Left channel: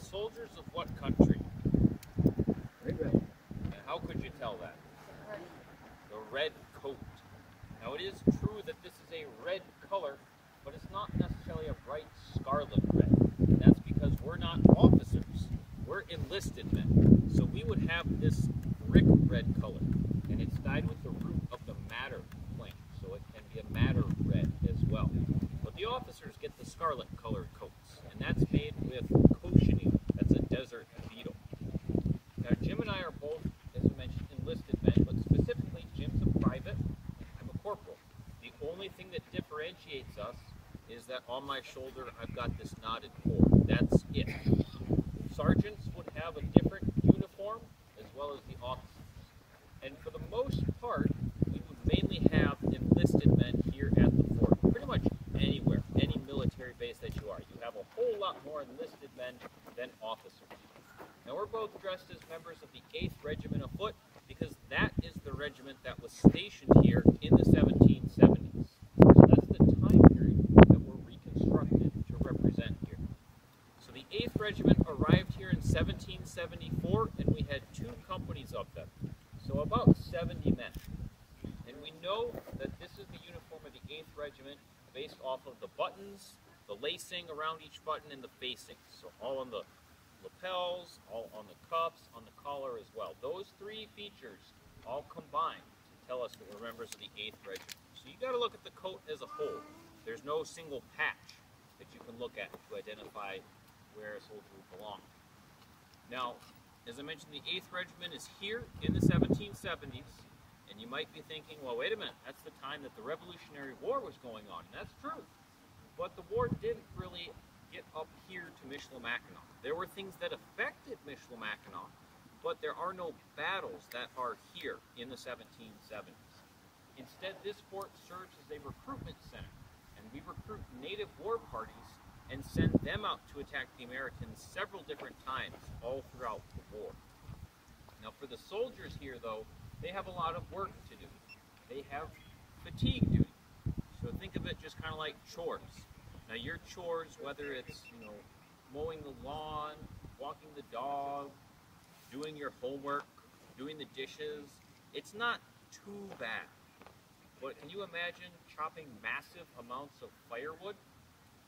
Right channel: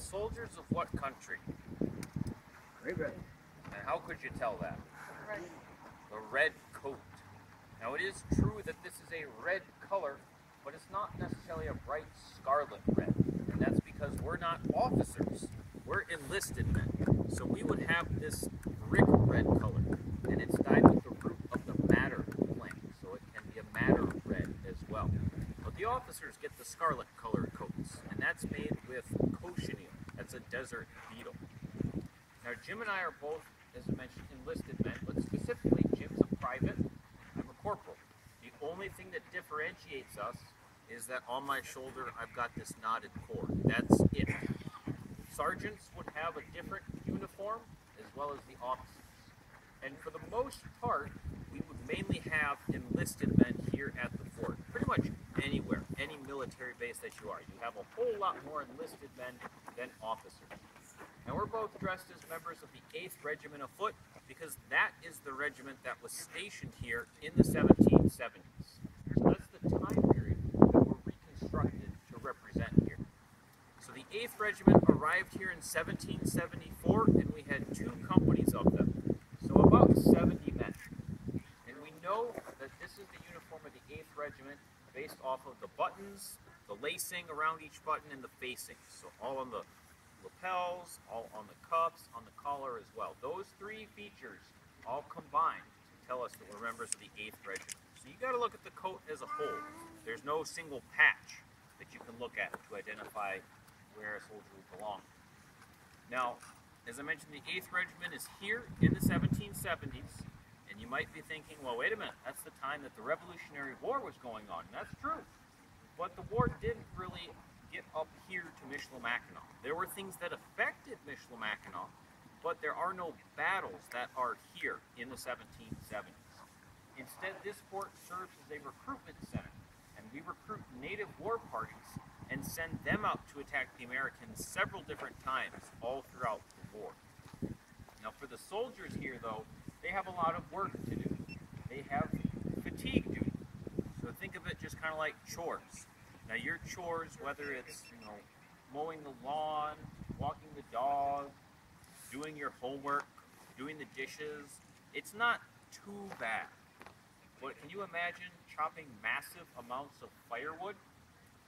Soldiers of what country? Great Red. And how could you tell that? Red. The red coat. Now it is true that this is a red color, but it's not necessarily a bright scarlet red. And that's because we're not officers. We're enlisted men. So we would have this brick red color. And it's dyed with the root of the madder plant. So it can be a madder red as well. But the officers get the scarlet colored coats. And that's made with cochineal. That's a desert beetle. Now Jim and I are both, as I mentioned, enlisted men, but specifically Jim's a private, I'm a corporal. The only thing that differentiates us is that on my shoulder I've got this knotted cord. That's it. Sergeants would have a different uniform as well as the officers. And for the most part, we would mainly have enlisted men here at the fort. Pretty much anywhere, any military base that you are. You have a whole lot more enlisted men than officers. Now we're both dressed as members of the 8th Regiment of Foot because that is the regiment that was stationed here in the 1770s. So that's the time period that we're reconstructed to represent here. So the 8th Regiment arrived here in 1774 and we had 2 companies of them. So about 70 men. And we know that this is the uniform of the 8th Regiment based off of the buttons, the lacing around each button, and the facings. So all on the lapels, all on the cuffs, on the collar as well. Those 3 features all combine to tell us that we're members of the 8th Regiment. So you got to look at the coat as a whole. There's no single patch that you can look at to identify where a soldier will belong. Now, as I mentioned, the 8th Regiment is here in the 1770s, and you might be thinking, well, wait a minute, that's the time that the Revolutionary War was going on, and that's true. But the war didn't really get up here to Michilimackinac. There were things that affected Michilimackinac, but there are no battles that are here in the 1770s. Instead, this fort serves as a recruitment center, and we recruit native war parties and send them out to attack the Americans several different times all throughout the war. Now for the soldiers here though, they have a lot of work to do. They have fatigue duty. So think of it just kind of like chores. Now your chores, whether it's, mowing the lawn, walking the dog, doing your homework, doing the dishes, it's not too bad. But can you imagine chopping massive amounts of firewood?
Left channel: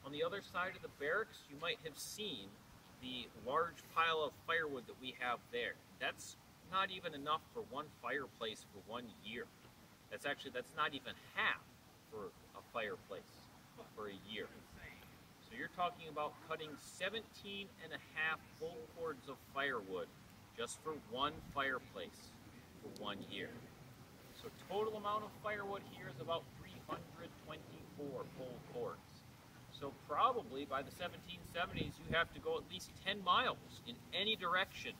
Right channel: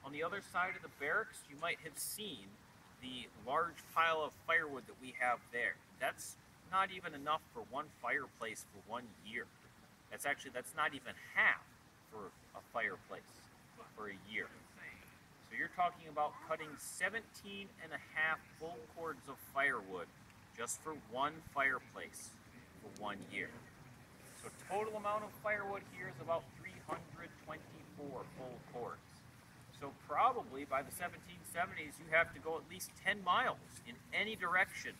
On the other side of the barracks, you might have seen the large pile of firewood that we have there. That's not even enough for one fireplace for 1 year. That's not even half for a fireplace for a year. So you're talking about cutting 17 and a half full cords of firewood just for one fireplace for 1 year. So total amount of firewood here is about 324 full cords. So probably by the 1770s, you have to go at least 10 miles in any direction,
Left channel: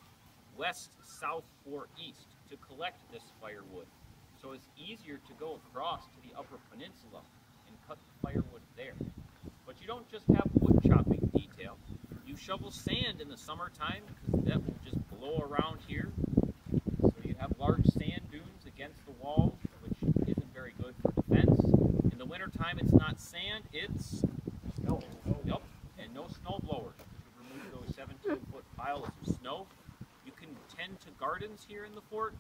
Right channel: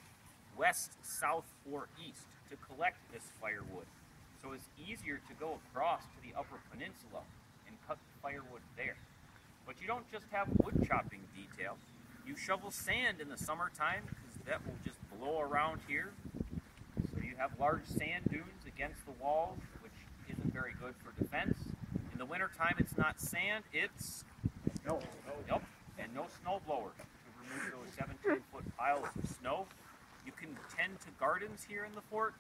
west, south, or east, to collect this firewood. So it's easier to go across to the Upper Peninsula and cut the firewood there. But you don't just have wood chopping detail. You shovel sand in the summertime because that will just blow around here. So you have large sand dunes against the walls, which isn't very good for defense. In the wintertime, it's not sand, it's snow. Yep, and no snow blowers to remove those 17-foot piles of snow. You can tend to gardens here in the fort,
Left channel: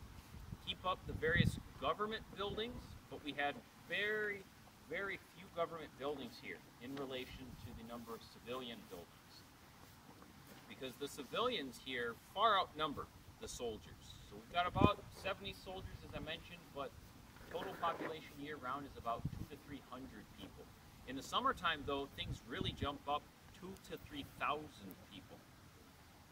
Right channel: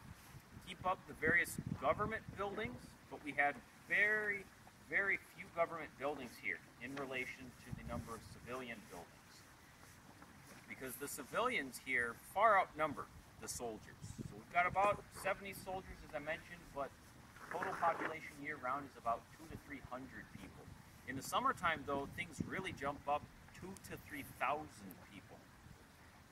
keep up the various government buildings, but we had very, very few government buildings here in relation to the number of civilian buildings. Because the civilians here far outnumber the soldiers. So we've got about 70 soldiers, as I mentioned, but total population year-round is about 200 to 300 people. In the summertime, though, things really jump up 2,000 to 3,000 people.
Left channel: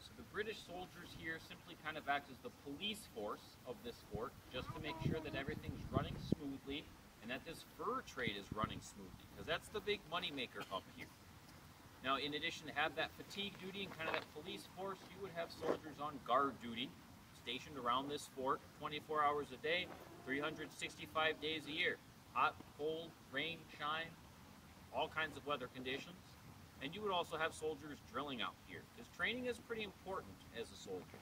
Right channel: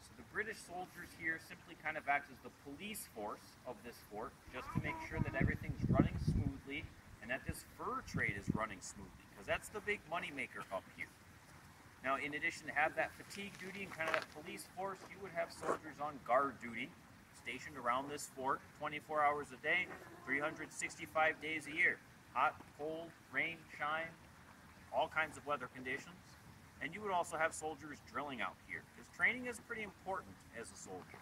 So the British soldiers here simply kind of act as the police force of this fort, just to make sure that everything's running smoothly and that this fur trade is running smoothly, because that's the big moneymaker up here. Now, in addition to have that fatigue duty and kind of that police force, you would have soldiers on guard duty, stationed around this fort 24 hours a day, 365 days a year. Hot, cold, rain, shine, all kinds of weather conditions. And you would also have soldiers drilling out here, because training is pretty important as a soldier.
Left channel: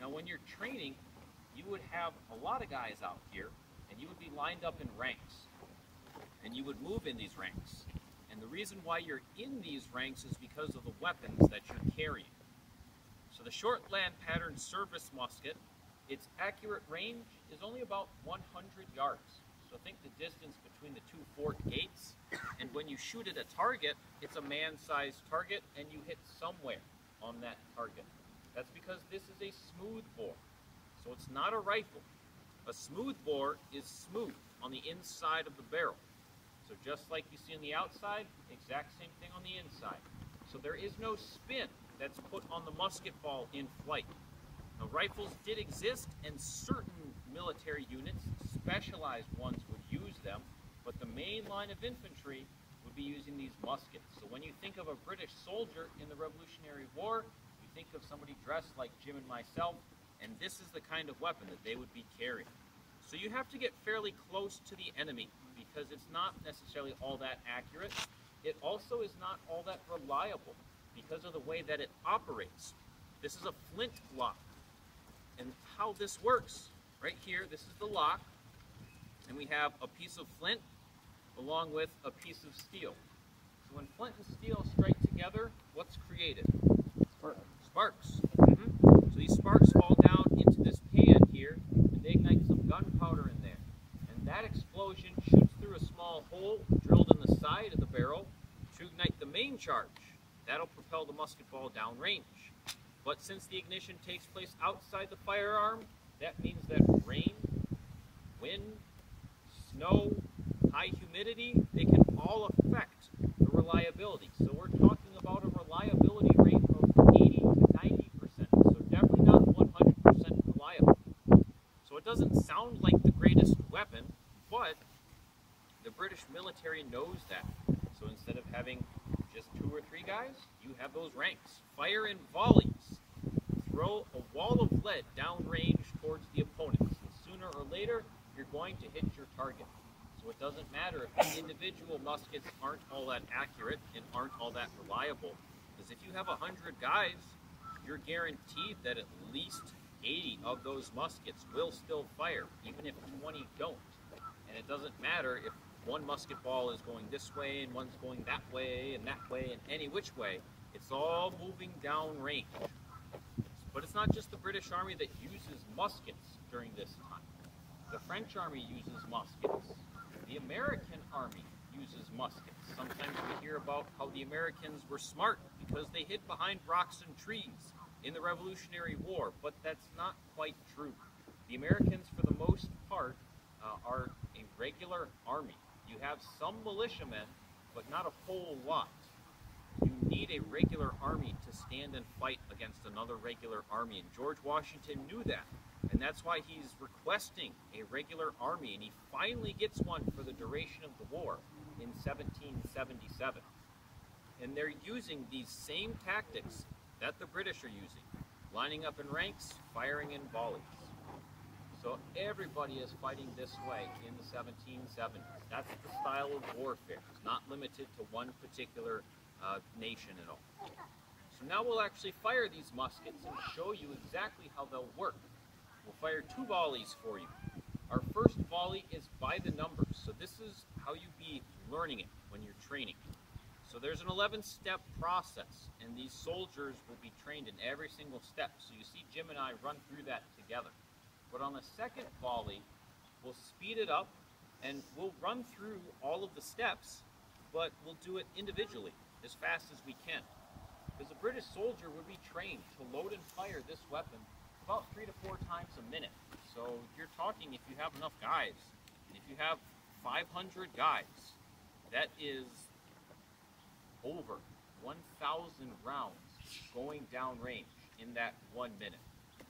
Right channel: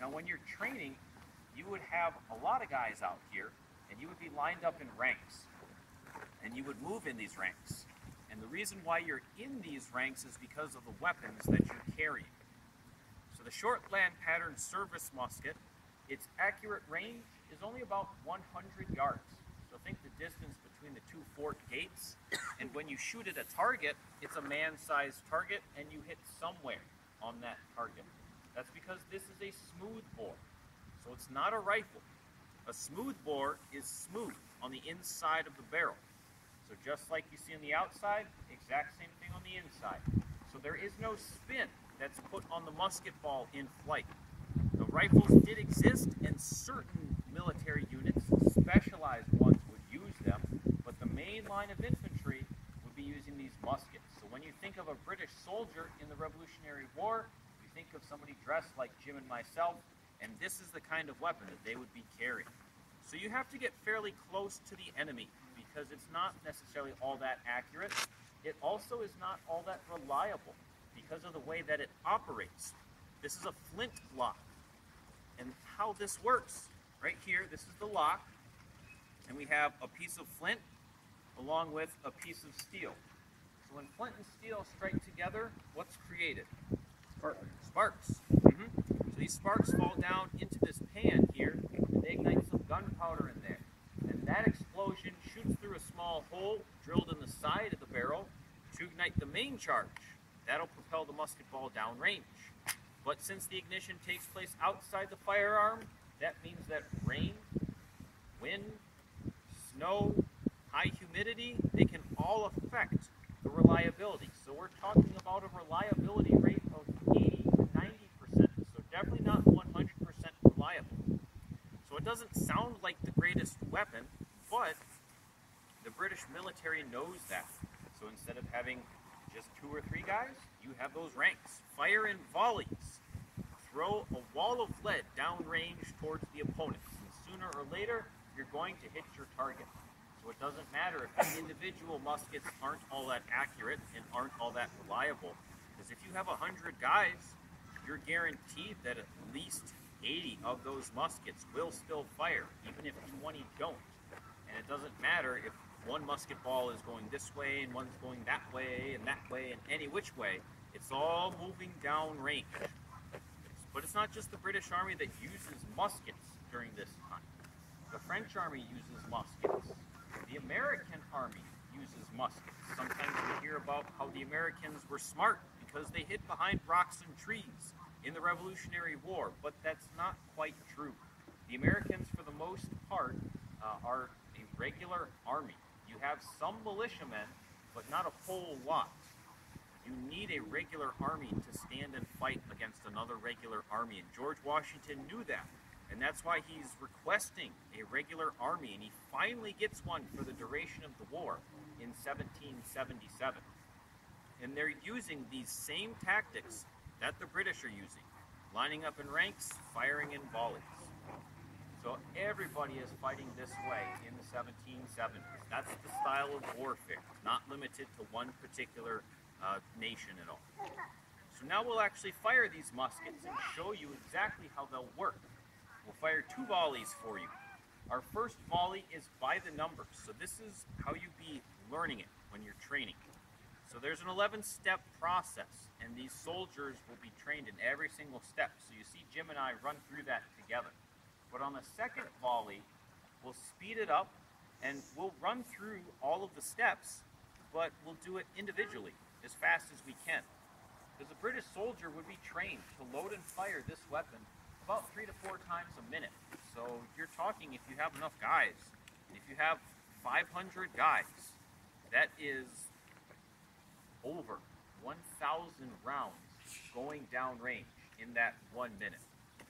Now when you're training, you would have a lot of guys out here, and you would be lined up in ranks. And you would move in these ranks. And the reason why you're in these ranks is because of the weapons that you're carrying. So the Shortland pattern service musket, its accurate range is only about 100 yards. So think the distance between the two fort gates, and when you shoot at a target, it's a man-sized target and you hit somewhere on that target. That's because this is a smooth bore, so it's not a rifle. A smooth bore is smooth on the inside of the barrel. So just like you see on the outside, exact same thing on the inside. So there is no spin that's put on the musket ball in flight. The rifles did exist, and certain military units, specialized ones, would use them, but the main line of infantry would be using these muskets. So when you think of a British soldier in the Revolutionary War, you think of somebody dressed like Jim and myself, and this is the kind of weapon that they would be carrying. So you have to get fairly close to the enemy because it's not necessarily all that accurate. It also is not all that reliable because of the way that it operates. This is a flintlock. And how this works, right here, this is the lock, and we have a piece of flint along with a piece of steel. So when flint and steel strike together, what's created? Sparks. So these sparks fall down into this pan here, and they ignite some gunpowder in there. And that explosion shoots through a small hole drilled in the side of the barrel to ignite the main charge. That'll propel the musket ball downrange. But since the ignition takes place outside the firearm, that means that rain, wind, snow, high humidity, they can all affect the reliability. So we're talking about a reliability rate of 80 to 90%. So definitely not 100% reliable. So it doesn't sound like the greatest weapon, but the British military knows that. So instead of having just 2 or 3 guys, you have those ranks. Fire in volleys. Throw a wall of lead downrange towards the opponents, and sooner or later, you're going to hit your target. So it doesn't matter if the individual muskets aren't all that accurate and aren't all that reliable, because if you have 100 guys, you're guaranteed that at least 80 of those muskets will still fire, even if 20 don't. And it doesn't matter if one musket ball is going this way and one's going that way and any which way. It's all moving downrange. But it's not just the British Army that uses muskets during this time. The French Army uses muskets. The American Army uses muskets. Sometimes we hear about how the Americans were smart because they hid behind rocks and trees in the Revolutionary War, but that's not quite true. The Americans, for the most part, are a regular army. You have some militiamen, but not a whole lot. You need a regular army to stand and fight against another regular army, and George Washington knew that, and that's why he's requesting a regular army, and he finally gets one for the duration of the war in 1777. And they're using these same tactics that the British are using, lining up in ranks, firing in volleys. So everybody is fighting this way in the 1770s. That's the style of warfare. It's not limited to one particular nation at all. So now we'll actually fire these muskets and show you exactly how they'll work. We'll fire 2 volleys for you. Our first volley is by the numbers, so this is how you be learning it when you're training. So there's an 11-step process, and these soldiers will be trained in every single step. So you see Jim and I run through that together. But on the second volley, we'll speed it up, and we'll run through all of the steps, but we'll do it individually, as fast as we can. Because a British soldier would be trained to load and fire this weapon about 3 to 4 times a minute. So you're talking, if you have enough guys, if you have 500 guys, that is over 1,000 rounds going downrange in that 1 minute.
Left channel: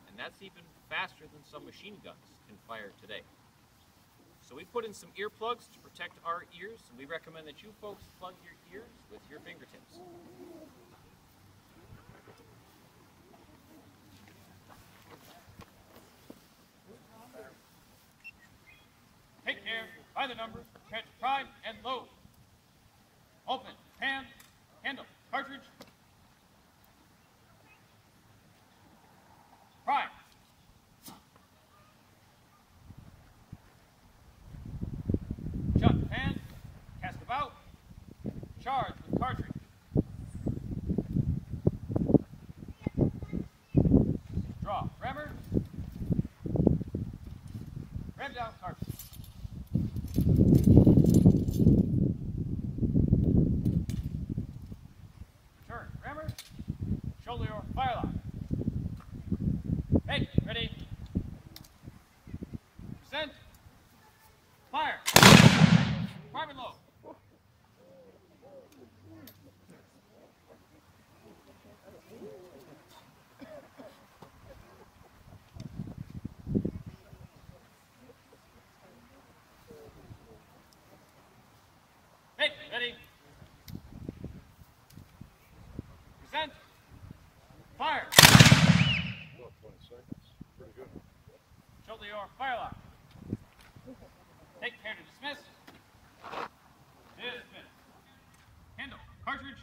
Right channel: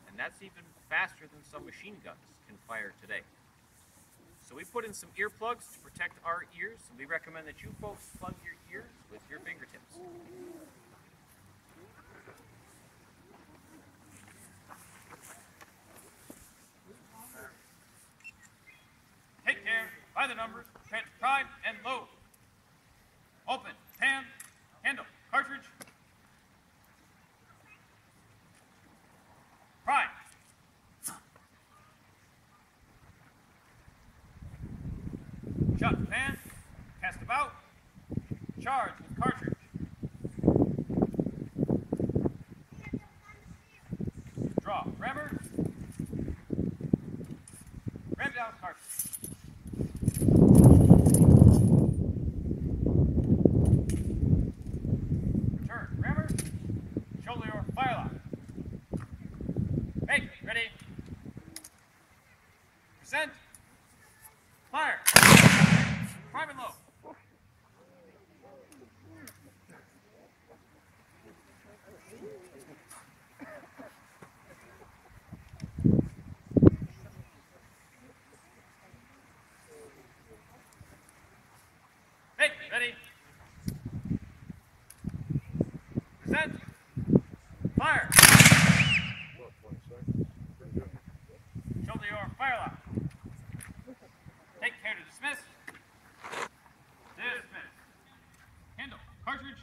And that's even faster than some machine guns can fire today. So we put in some earplugs to protect our ears, and we recommend that you folks plug your ears with your fingertips. Take care, by the numbers, catch prime and load. Open, pan, handle, cartridge. Prime. Shut pan, cast about, charge with cartridge. ready. Present. Fire. Prime and low. Hey, ready. Present. Fire. 20 seconds. Pretty good. Shoulder your fire lock. Take care to dismiss. Dismiss. Handle. Cartridge.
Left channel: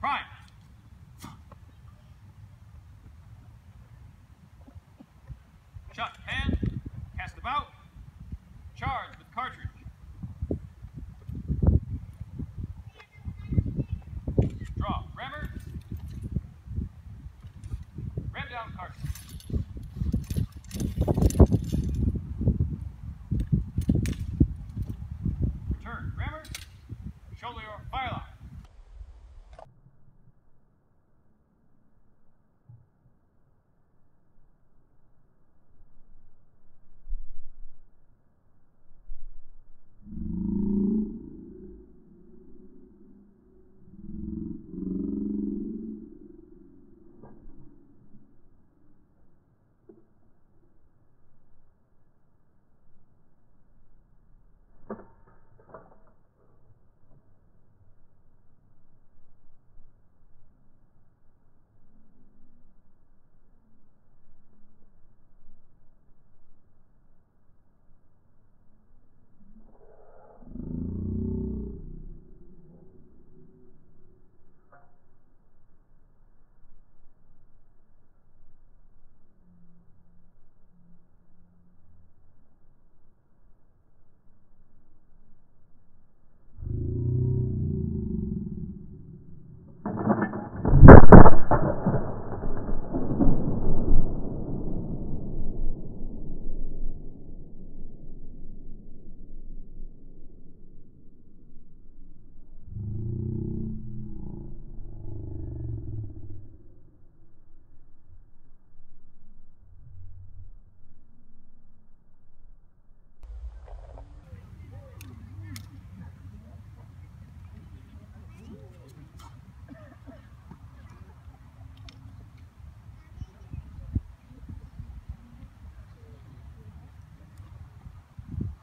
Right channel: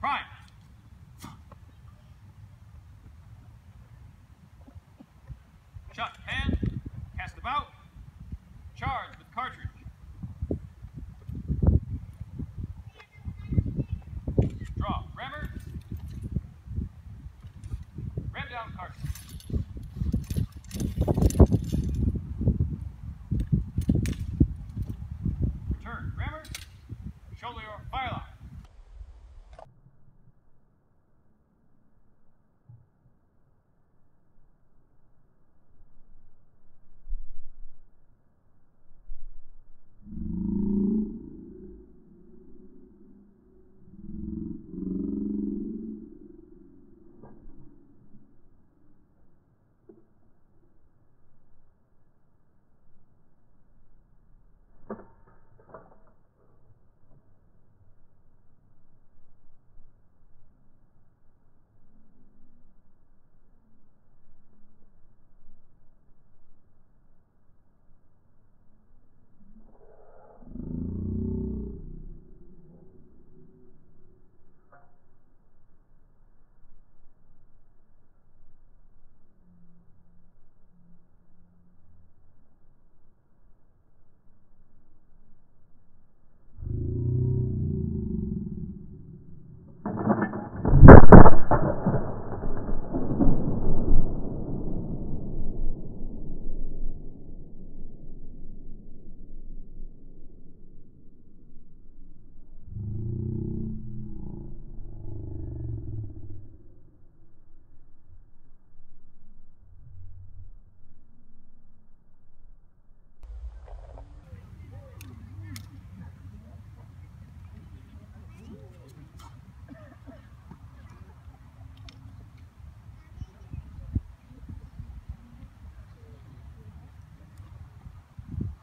Prime. Shot hand. Cast about. Charge with cartridge. Draw. Rammer. Ram down cartridge. Return. Rammer. Shoulder your fire lock.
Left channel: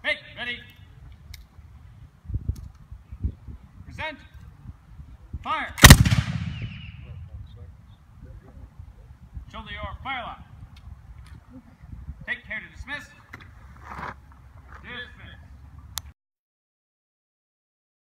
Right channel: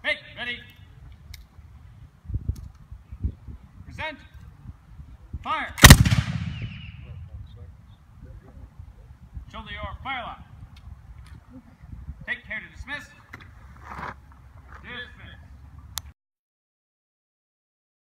Hey, ready. Present. Fire. 20 seconds. Pretty good. Shoulder your fire lock. Take care to dismiss. Dismiss.